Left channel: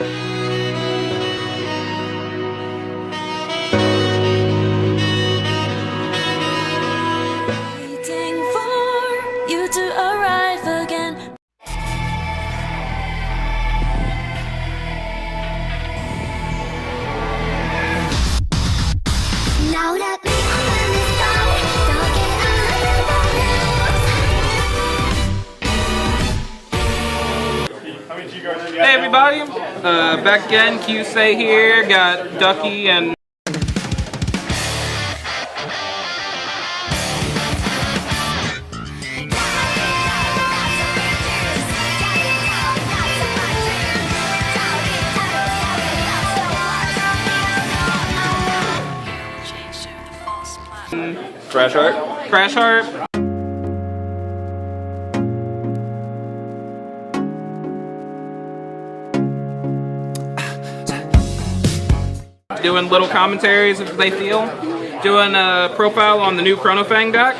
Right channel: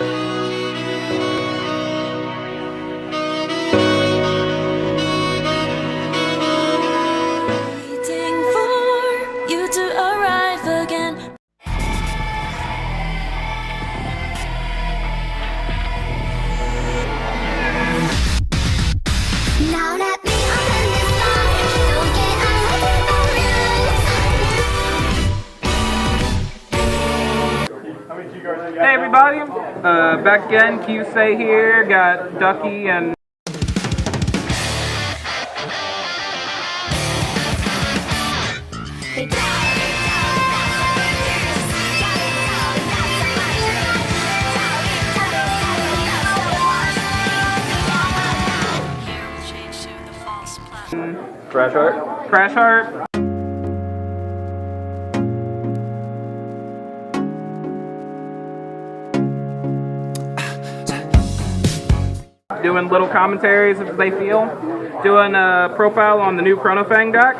Waiting for you to arrive again. Now that we are in the sky, don't get Hey everybody, back again, Kyuusei here, got Duckie and Crashheart. Doing little commentaries if they feel. Doing a profile on the new Chronofang deck.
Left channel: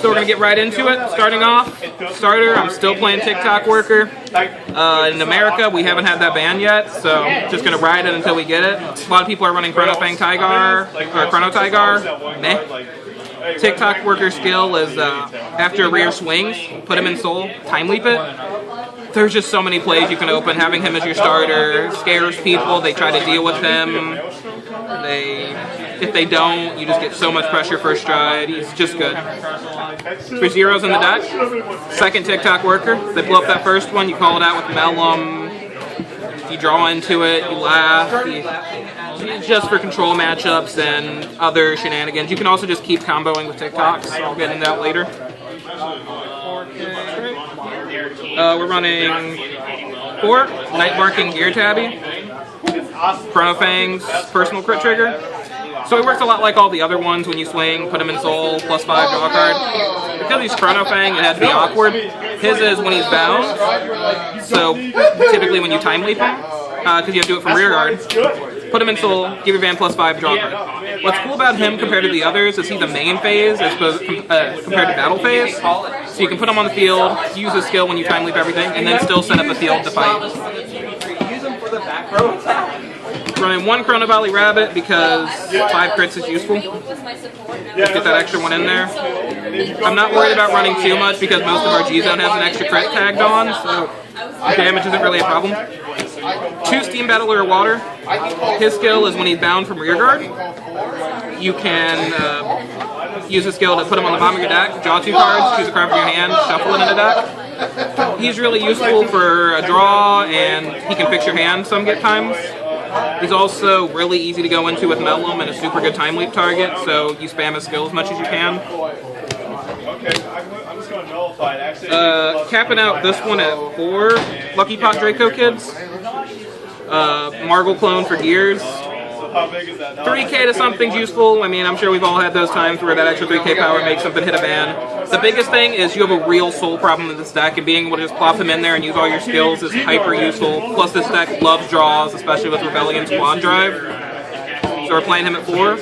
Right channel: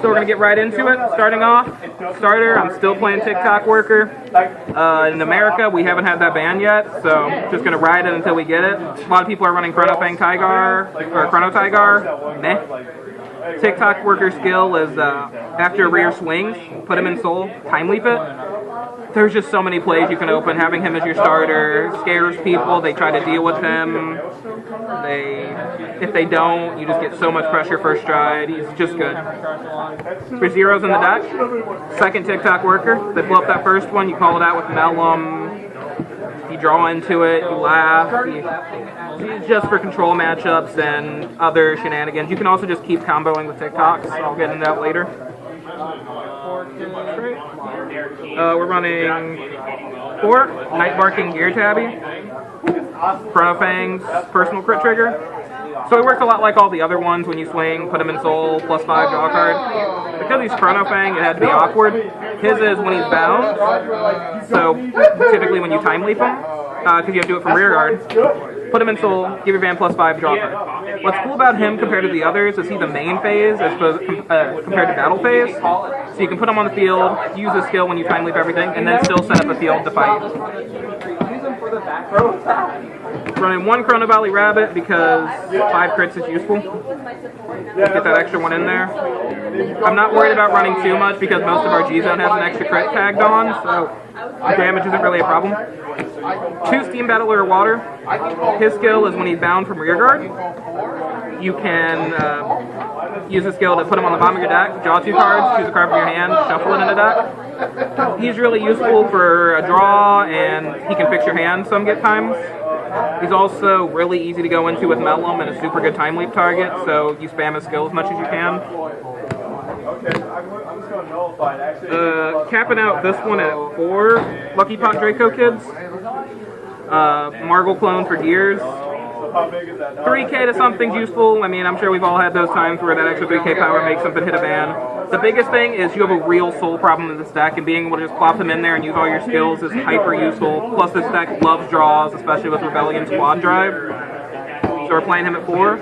So we're gonna get right into it. Starting off, starter, I'm still playing TikTok Worker. In America, we haven't had that ban yet, so just gonna ride it until we get it. A lot of people are running Chronofang Tigar, or Chrono Tigar. Meh. TikTok Worker skill is after rear swings, put him in soul, time leap it. There's just so many plays you can open. Having him as your starter scares people. They try to deal with him. If they don't, you just get so much pressure first stride. He's just good. There's zeros in the deck. Second TikTok Worker. They blow up that first one. You call it out with Mellum. You draw into it. You laugh. Just for control matchups and other shenanigans. You can also just keep comboing with TikToks. So I'll get into that later. We're running 4 Night Barking Gear Tabby, Chronofang's personal crit trigger. So it works a lot like all the other ones. When you swing, put him in soul, +5 draw card. Because he's Chronofang, it had to be awkward. His is when he's bound. So typically when you time leap him, because you have to do it from rear guard, put him in soul, give your van +5 draw card. What's cool about him compared to the others is he's the main phase as opposed compared to battle phase. So you can put him on the field, use his skill when you time leap everything, and then still set up a field to fight. Use him for the back row attack. Running 1 Chrono Valley Rabbit because 5 crits is useful. Just get that extra one in there. I'm not worried about running too much because most of our G-Zone has an extra crit tagged on, so damage isn't really a problem. 2 Steam Battler Water. His skill is when he's bound from rear guard. You can use his skill to put him on the bottom of your deck, draw 2 cards, choose a card from your hand, shuffle it in the deck. He's really useful for a draw, and he can fix your hand some good times. He's also really easy to go into with Mellum and a super good time leap target, so you spam his skill as much as you can. Capping out this one at 4 Lucky Pot Draco Kids. Margle clone for gears. 3k to something's useful. I mean, I'm sure we've all had those times where that extra 3k power makes something hit a ban. The biggest thing is you have a real soul problem in this deck, and being able to just plop them in there and use all your skills is hyper useful. Plus this deck loves draws, especially with Rebellion Squad Drive. So we're playing him at 4.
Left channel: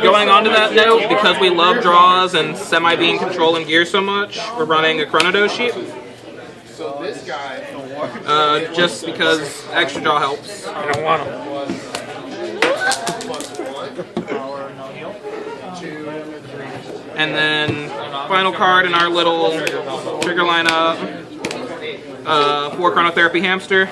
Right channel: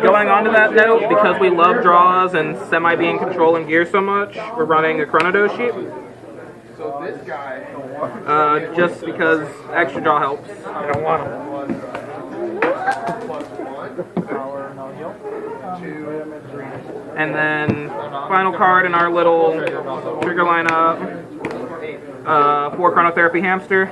Going on to that note, because we love draws and semi-being control and gear so much, we're running a Chronodos sheet. Just because extra draw helps. And then final card in our little trigger lineup, 4 Chronotherapy Hamster.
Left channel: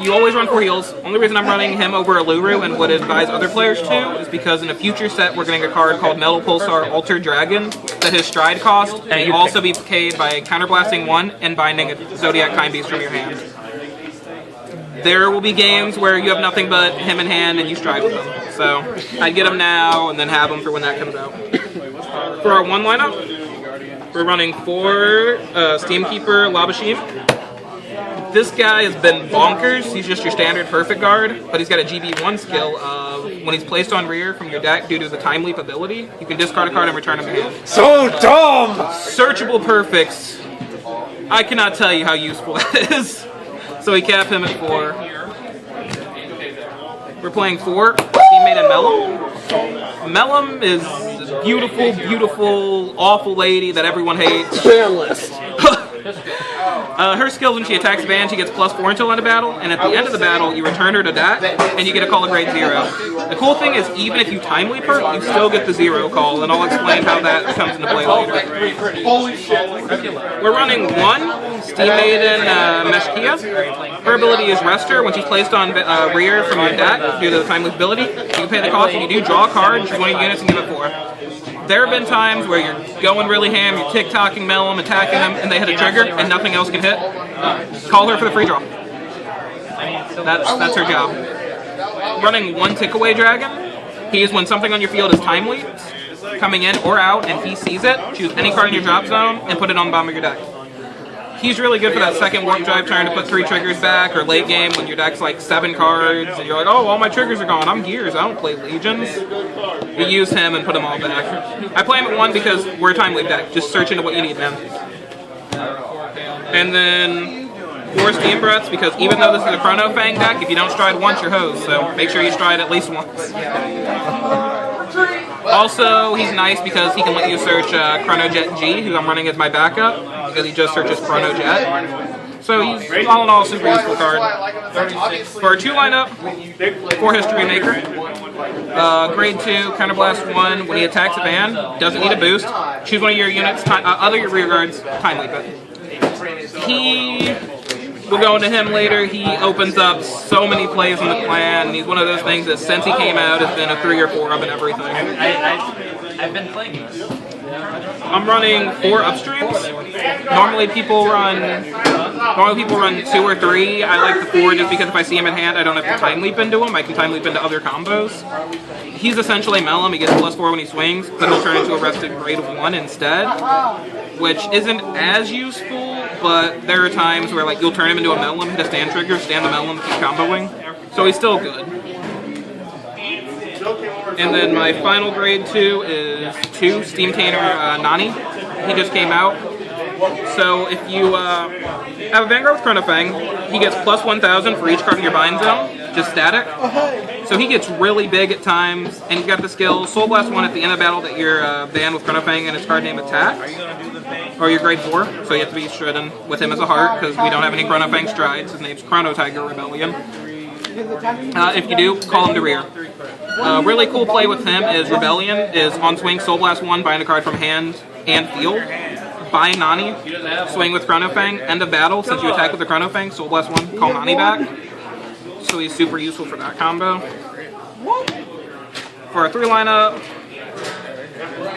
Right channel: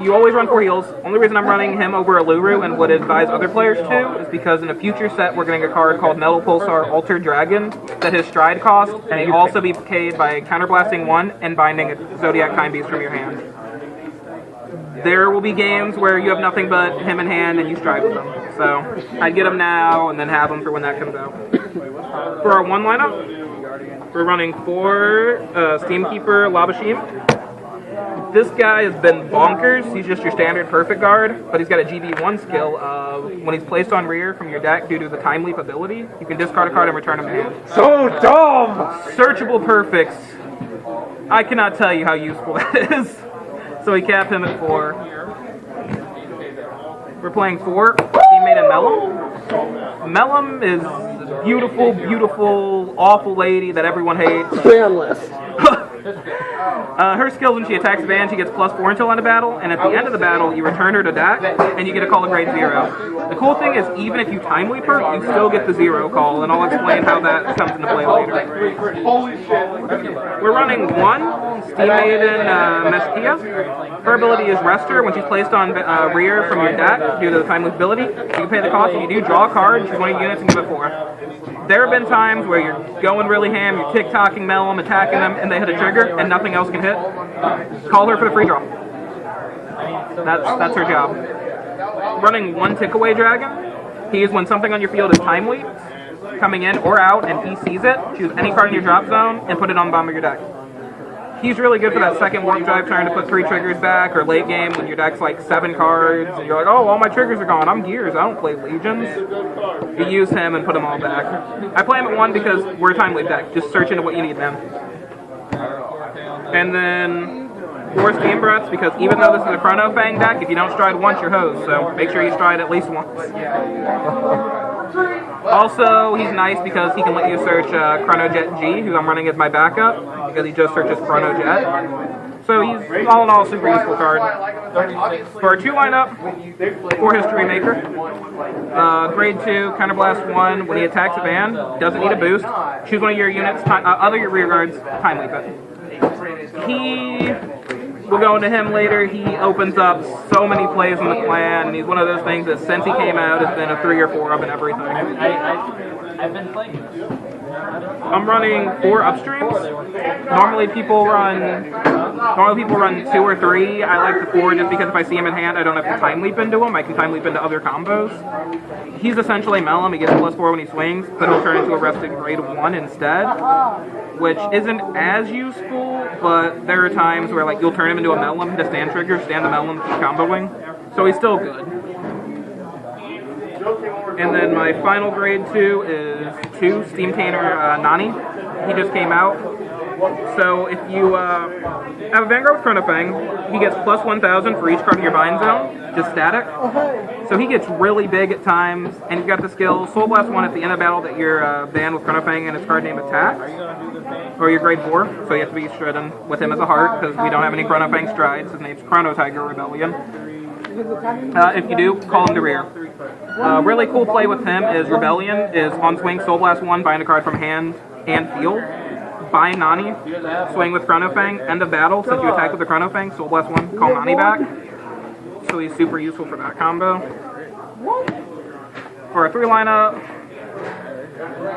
You always run 4 heals. Only reason I'm running him over Aluru and would advise other players to is because in a future set we're getting a card called Metal Pulsar Alter Dragon that has stride cost, and you also be paid by counterblasting 1 and binding a Zodiac Time Beast from your hand. There will be games where you have nothing but him in hand and you stride with them. So I'd get him now and then have him for when that comes out. For our 1 lineup, we're running 4 Steamkeeper Labashim. This guy has been bonkers. He's just your standard perfect guard, but he's got a GB1 skill of when he's placed on rear from your deck due to the time leap ability, you can discard a card and return him to your hand. So dumb! Searchable perfects. I cannot tell you how useful that is. So we cap him at 4. We're playing 4. Teammate and Mellum. Mellum is a beautiful, beautiful, awful lady that everyone hates. Ban list. Her skills, when she attacks a band, she gets +4 until end of battle, and at the end of the battle, you return her to deck, and you get a call of grade 0. The cool thing is, even if you time leap her, you still get the 0 call, and I'll explain how that comes into play later. We're running 1 Steam Maiden Meshkia. Her ability is Rester. When she's placed on rear from your deck, due to the time leap ability, you can pay the cost. When you do, draw a card, choose one of your units, and give it 4. There have been times where you're going really ham, you're tick-tocking Mellum, attacking them, and they hit a trigger, and nothing else can hit. Call her for the free draw. That's her job. Running 1 Tick-Away Dragon. He is when something on your field is time leaped, coming in or out, and he sees it, choose any card in your drop zone, and put it on the bottom of your deck. He's really good for that second warp drive turn to put 3 triggers back, or late game when your deck's like 7 cards, and you're like, oh, all my triggers are gone, I'm Gears, I don't play Legions. You use him and put them all back. I play him at 1 because we're a time leap deck, just search into what you need, man. And then 4 Steam Breaths, because even though this is a Chronofang deck, if you don't stride once, you're hosed, so make sure you stride at least once. Also, he's nice because he can let you search Chronojet G, who I'm running as my backup, because he just searches Chronojet. So he's, all in all, a super useful card. For our 2 lineup, 4 History Maker. Grade 2, Counterblast 1, when he attacks a band, doesn't need a boost. Choose one of your units, other your rear guards, time leap it. We'll go into him later. He opens up so many plays in the clan, and he's one of those things that since he came out has been a 3 or 4 of and everything. I've been playing this. I'm running 4 upstreams. Normally people run 2 or 3. I like the 4 just because if I see him in hand, I don't have to time leap into him. I can time leap into other combos. He's essentially Mellum. He gets +4 when he swings, but he'll turn into a rested grade 1 instead, which isn't as useful, but there are times where like you'll turn him into a Mellum, hit a stand trigger, stand the Mellum, keep comboing. So he's still good. And then my final grade 2 is 2 Steam Tainer Nani. He just came out. So if you have a Vanguard with Chronofang, he gets +1000 for each card in your bind zone, just static. So he gets really big at times, and he's got the skill Soul Blast 1 at the end of battle that you're banned with Chronofang and its card name attacks, or your grade 4, so you have to be stridden with him as a heart, because we don't have any Chronofang strides. His name's Chrono Tiger Rebellion. If you do, call him to rear. Really cool play with him is Rebellion is on swing, Soul Blast 1, bind a card from hand and field. Bind Nani, swing with Chronofang, end of battle, since you attack with the Chronofang, Soul Blast 1, call Nani back. So he's super useful for that combo. For our 3 lineup,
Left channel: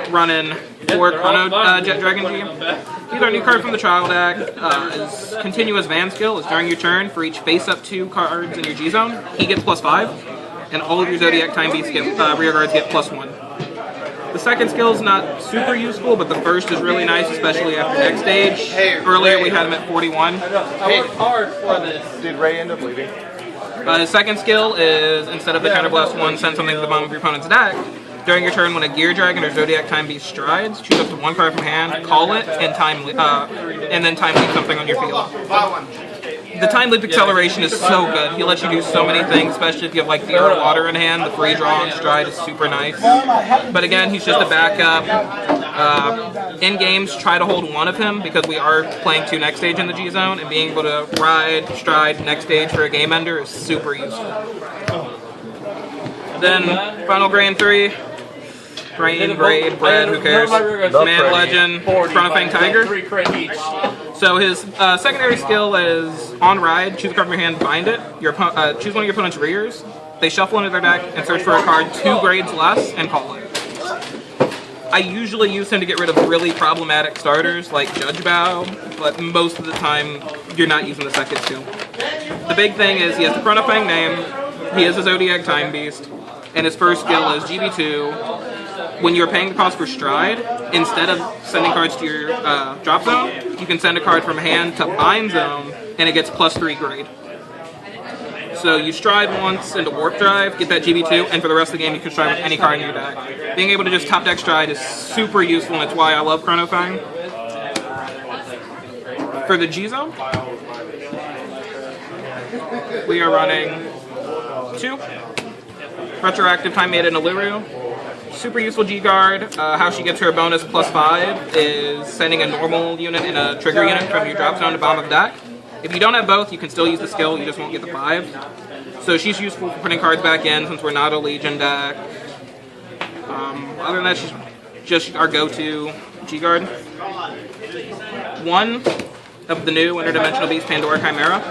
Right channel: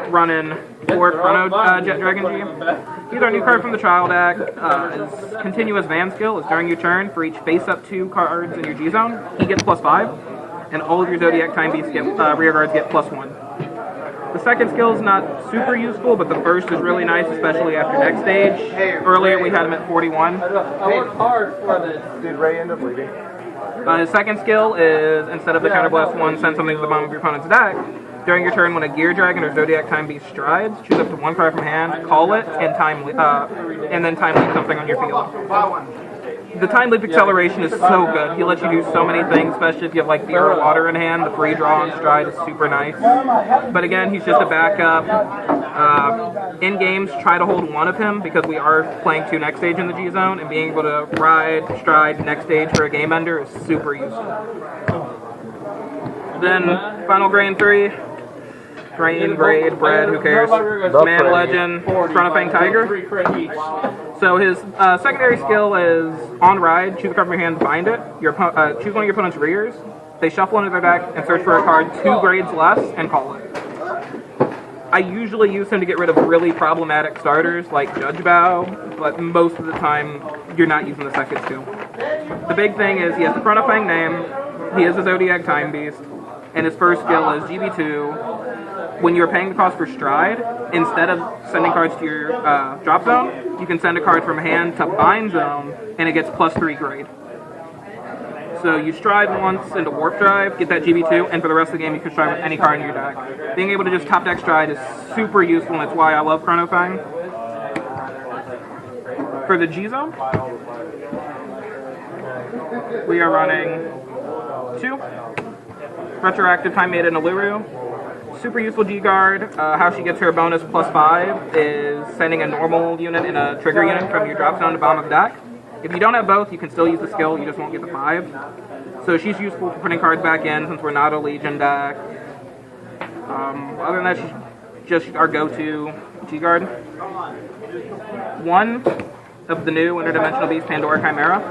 running 4 Chrono Jet Dragon G. He's our new card from the trial deck. His continuous Van skill is during your turn, for each face-up 2 cards in your G zone, he gets +5, and all of your Zodiac Time Beasts get rear guards get +1. The second skill is not super useful, but the first is really nice, especially after next stage. Earlier we had him at 41. I worked hard for this. Did Ray end up leaving? His second skill is, instead of the Counterblast 1, send something to the bottom of your opponent's deck. During your turn, when a Gear Dragon or Zodiac Time Beast strides, choose up to 1 card from hand, call it, and then time leap something on your field. The time leap acceleration is so good. He lets you do so many things, especially if you have like the Earth Water in hand. The free draw on stride is super nice. But again, he's just a backup. In games, try to hold 1 of him because we are playing 2 next stage in the G zone, and being able to ride, stride, next stage for a game ender is super useful. Then final grade 3. Grain, grade, bread, who cares? Man, legend, Chronofang Tiger. So his secondary skill is on ride, choose a card from your hand, bind it. Choose one of your opponent's rears. They shuffle into their deck and search for a card 2 grades less and call it. I usually use him to get rid of really problematic starters like Judge Bow, but most of the time you're not using the second skill. The big thing is he has the Chronofang name, he is a Zodiac Time Beast, and his first skill is GB2. When you're paying the cost for stride, instead of sending cards to your drop zone, you can send a card from hand to bind zone, and it gets +3 grade. So you stride once into warp drive, get that GB2, and for the rest of the game you can stride with any card in your deck. Being able to just top deck stride is super useful, and it's why I love Chronofang. For the G zone, we are running 2 Retroactive Time Maiden Illyrio. super useful G-Guard. How she gets her bonus +5 is sending a normal unit and a trigger unit from your drop zone to bottom of the deck. If you don't have both, you can still use the skill, you just won't get the 5. So she's useful for putting cards back in since we're not a Legion deck. Other than that, she's just our go-to G-Guard. One of the new Interdimensional Beast Pandora Chimera.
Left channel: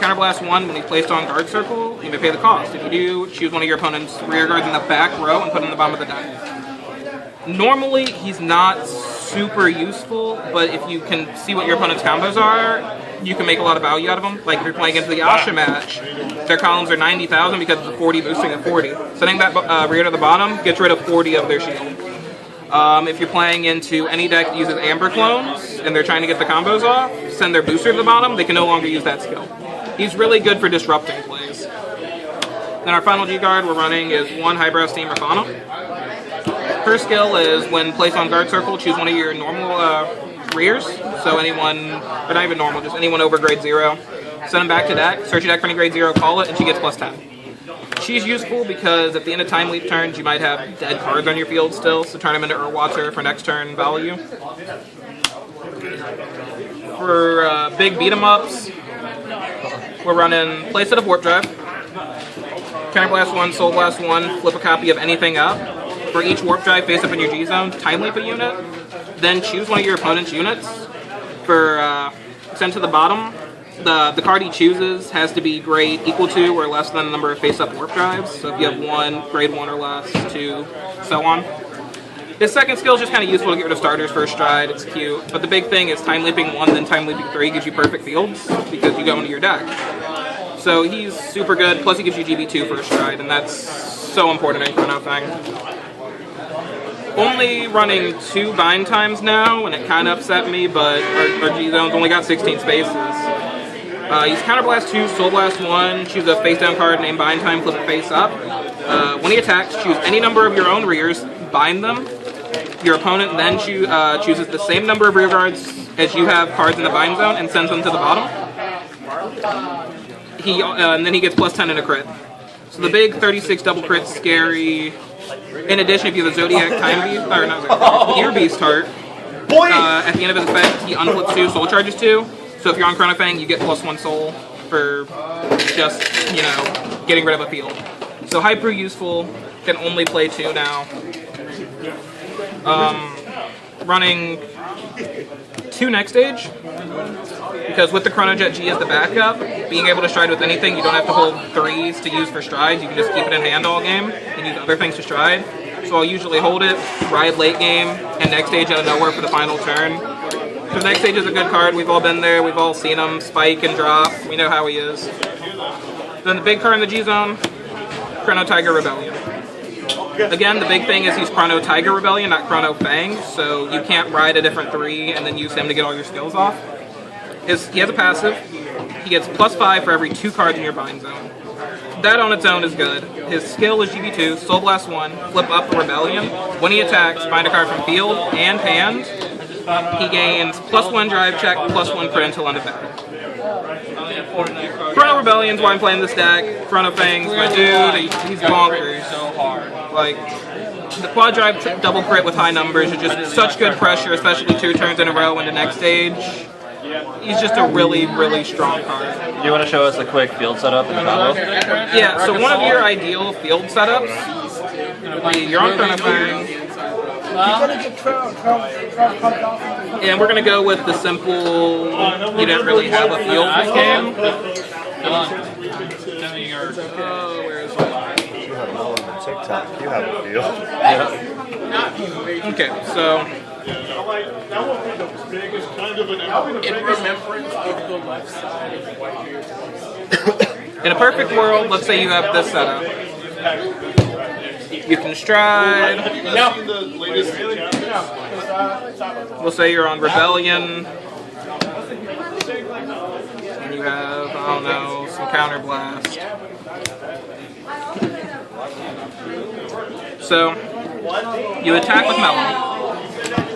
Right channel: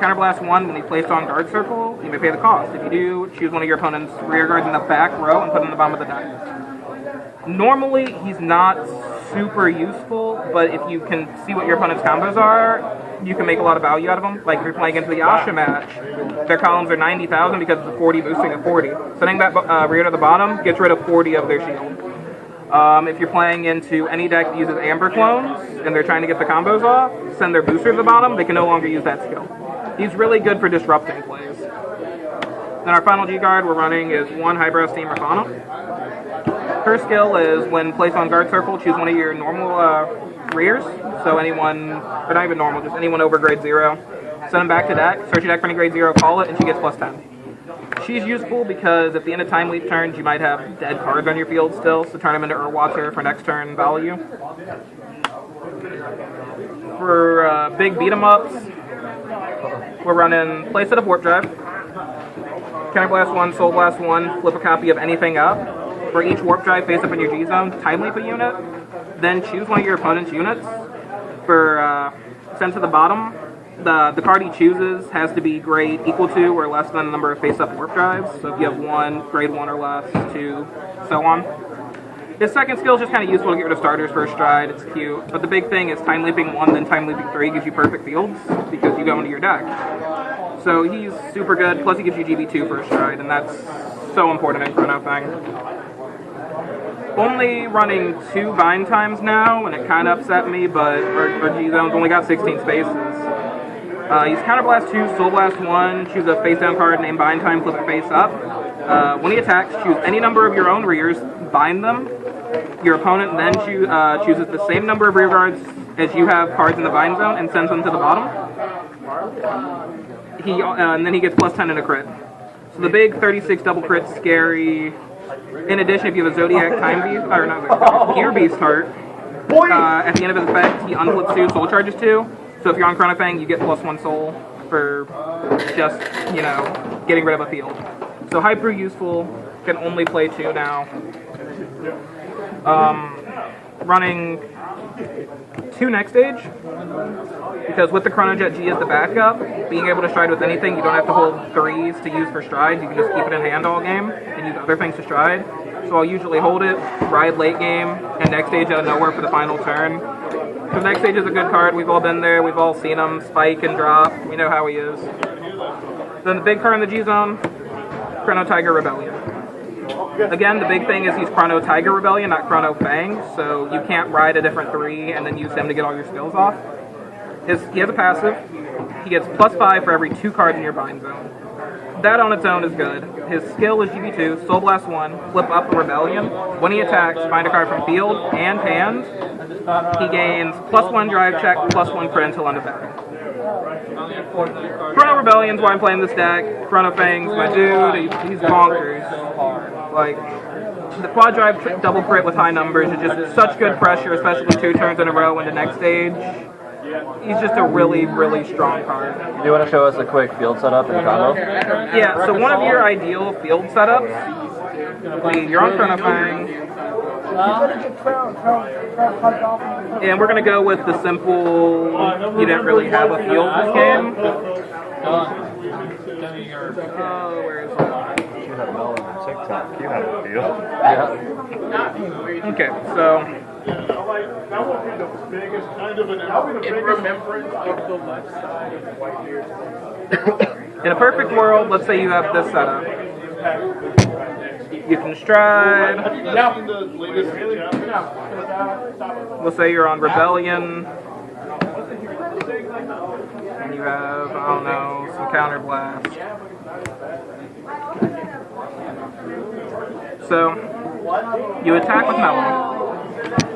Counterblast 1, when he's placed on guard circle, you may pay the cost. If you do, choose one of your opponent's rear guards in the back row and put him in the bottom of the deck. Normally, he's not super useful, but if you can see what your opponent's combos are, you can make a lot of value out of them. Like if you're playing into the Asha match, their columns are 90,000 because it's a 40 boosting at 40. Sending that rear to the bottom gets rid of 40 of their shield. If you're playing into any deck that uses Amber clones and they're trying to get the combos off, send their booster to the bottom, they can no longer use that skill. He's really good for disrupting plays. Then our final G-Guard we're running is 1 Highbrow Steam Rathana. Her skill is when placed on guard circle, choose one of your normal rears. So anyone, or not even normal, just anyone over grade 0. Send them back to deck, search your deck for any grade 0, call it, and she gets +10. She's useful because at the end of time leap turns, you might have dead cards on your field still, so turn them into Urwater for next turn value. For big beat 'em ups, we're running Playset of Warp Drive, Counterblast 1, Soul Blast 1, flip a copy of anything up. For each Warp Drive face up in your G zone, time leap a unit, then choose one of your opponent's units. For send to the bottom, the card he chooses has to be grade equal to or less than the number of face up Warp Drives. So if you have 1, grade 1 or less, 2, so on. His second skill is just kind of useful to get rid of starters first stride, it's cute. But the big thing is time leaping 1, then time leaping 3 gives you perfect fields because you go into your deck. So he's super good, plus he gives you GB2 first stride, and that's so important in Chronofang. Only running 2 bind times now, and it kind of upset me, but our G-Zone's only got 16 spaces. He's Counterblast 2, Soul Blast 1, choose a face-down card named Bind Time, flip it face up. When he attacks, choose any number of your own rears, bind them. Your opponent then chooses the same number of rear guards as you have cards in the bind zone and sends them to the bottom. And then he gets +10 in a crit. So the big 36 double crit, scary. In addition, if you have a Zodiac Time Beast, or not Ear Beast Heart, at the end of his effect, he unflips 2, soul charges 2. So if you're on Chronofang, you get +1 soul for just, getting rid of a field. So hyper useful, can only play 2 now. Running 2 next stage, because with the Chronojet G as the backup, being able to stride with anything, you don't have to hold 3s to use for strides, you can just keep it in hand all game and use other things to stride. So I'll usually hold it, ride late game, and next stage out of nowhere for the final turn. Because next stage is a good card, we've all been there, we've all seen him spike and drop, we know how he is. Then the big card in the G-Zone, Chrono Tiger Rebellion. Again, the big thing is he's Chrono Tiger Rebellion, not Chrono Fang, so you can't ride a different 3 and then use him to get all your skills off. He has a passive. He gets +5 for every 2 cards in your bind zone. That on its own is good. His skill is GB2, Soul Blast 1, flip up a Rebellion. When he attacks, bind a card from field and hand. He gains +1 drive check, +1 crit until end of battle. Chrono Rebellion's why I'm playing this deck. Chronofang's my dude, he's bonkers. Like, the quad drive double crit with high numbers is just such good pressure, especially 2 turns in a row into next stage. He's just a really, really strong card. Do you want to show us a quick field setup and combo? Yeah, so one of your ideal field setups, you're on Chronofang. And we're going to go with the simple, you didn't really have a field this game. Where is it? You have a field. Yeah. Okay, so In remembrance of the left side of what you're in a perfect world, let's say you have this setup. You can stride. We'll say you're on Rebellion. And you have, I don't know, some Counterblast. So, you attack with Melon.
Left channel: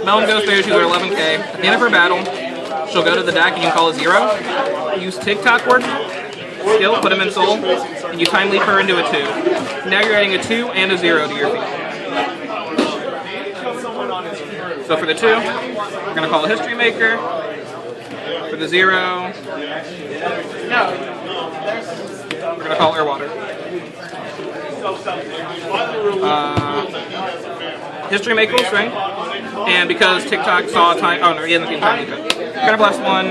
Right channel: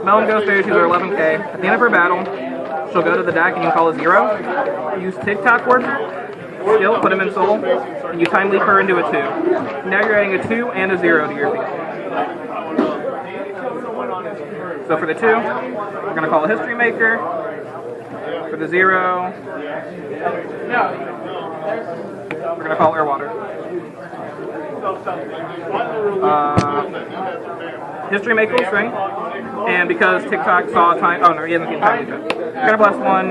Melon goes there, she's her 11k. At the end of her battle, she'll go to the deck and you can call a 0. Use TikTok word, skill, put him in soul, and you time leap her into a 2. Now you're adding a 2 and a 0 to your field. So for the 2, we're going to call a History Maker. For the 0, we're going to call Air Water. History Maker will swing. And because TikTok saw time... Oh, no, he hasn't seen Time Leap yet. Kind of bless 1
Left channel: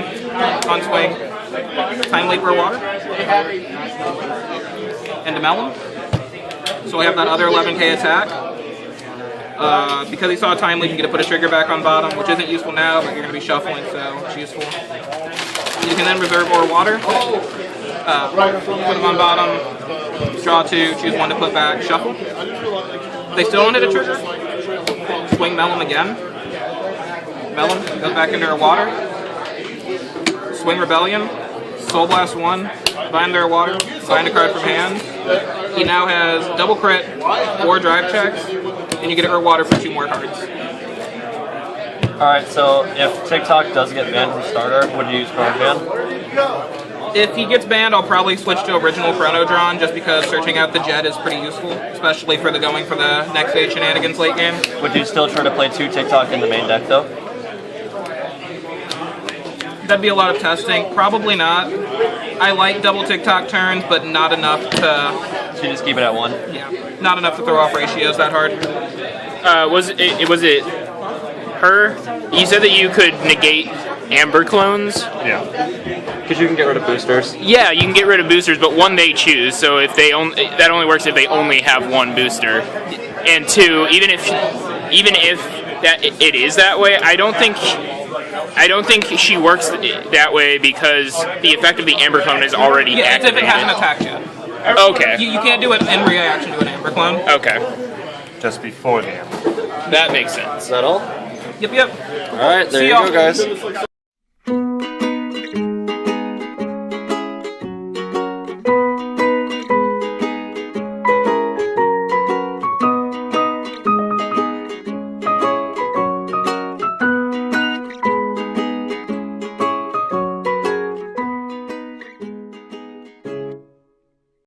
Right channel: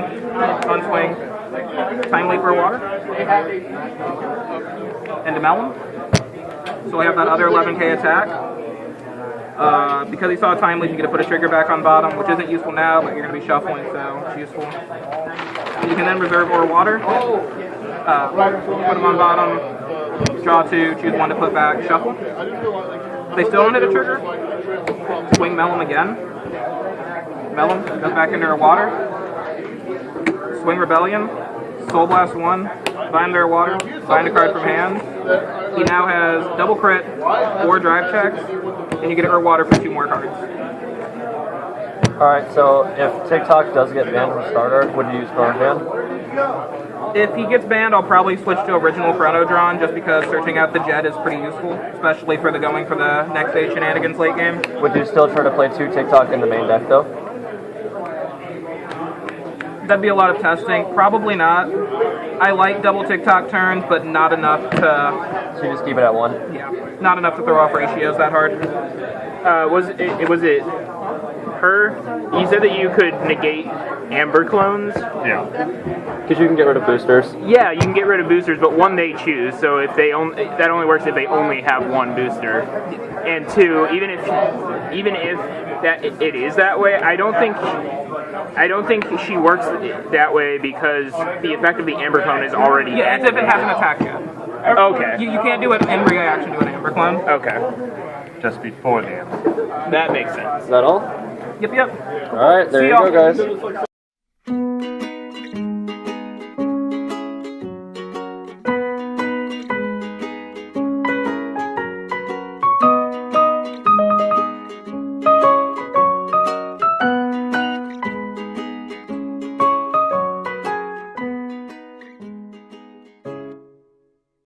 on swing. Time Leap or Water. And to Melon. So we have that other 11k attack. Because he saw a Time Leap, you get to put a trigger back on bottom, which isn't useful now, but you're going to be shuffling, so it's useful. You can then reserve or water. Put them on bottom, draw 2, choose 1 to put back, shuffle. If they still don't hit a trigger, swing Melon again. Melon goes back into her water. Swing Rebellion, Soul Blast 1, bind their water, bind a card from hand. He now has double crit, 4 drive checks, and you get Ur Water for 2 more cards. Alright, so if TikTok does get banned from starter, would you use card ban? If he gets banned, I'll probably switch to original Chrono Drawn, just because searching out the Jet is pretty useful, especially for the going for the next stage shenanigans late game. Would you still try to play 2 TikTok in the main deck though? That'd be a lot of testing. Probably not. I like double TikTok turns, but not enough to... So you just keep it at 1? Yeah, not enough to throw off ratios that hard. Was it her? You said that you could negate Amber clones. Yeah. Because you can get rid of boosters. Yeah, you can get rid of boosters, but 1 they choose. So if they that only works if they only have 1 booster. And 2, even if that it is that way, I don't think she works that way because the effect of the Amber clone is already activated. It's if it hasn't attacked yet. Okay. You can't do it in reaction to an Amber clone. Okay. Just before the end. That makes sense. Is that all? Yep. Alright, there you go, guys.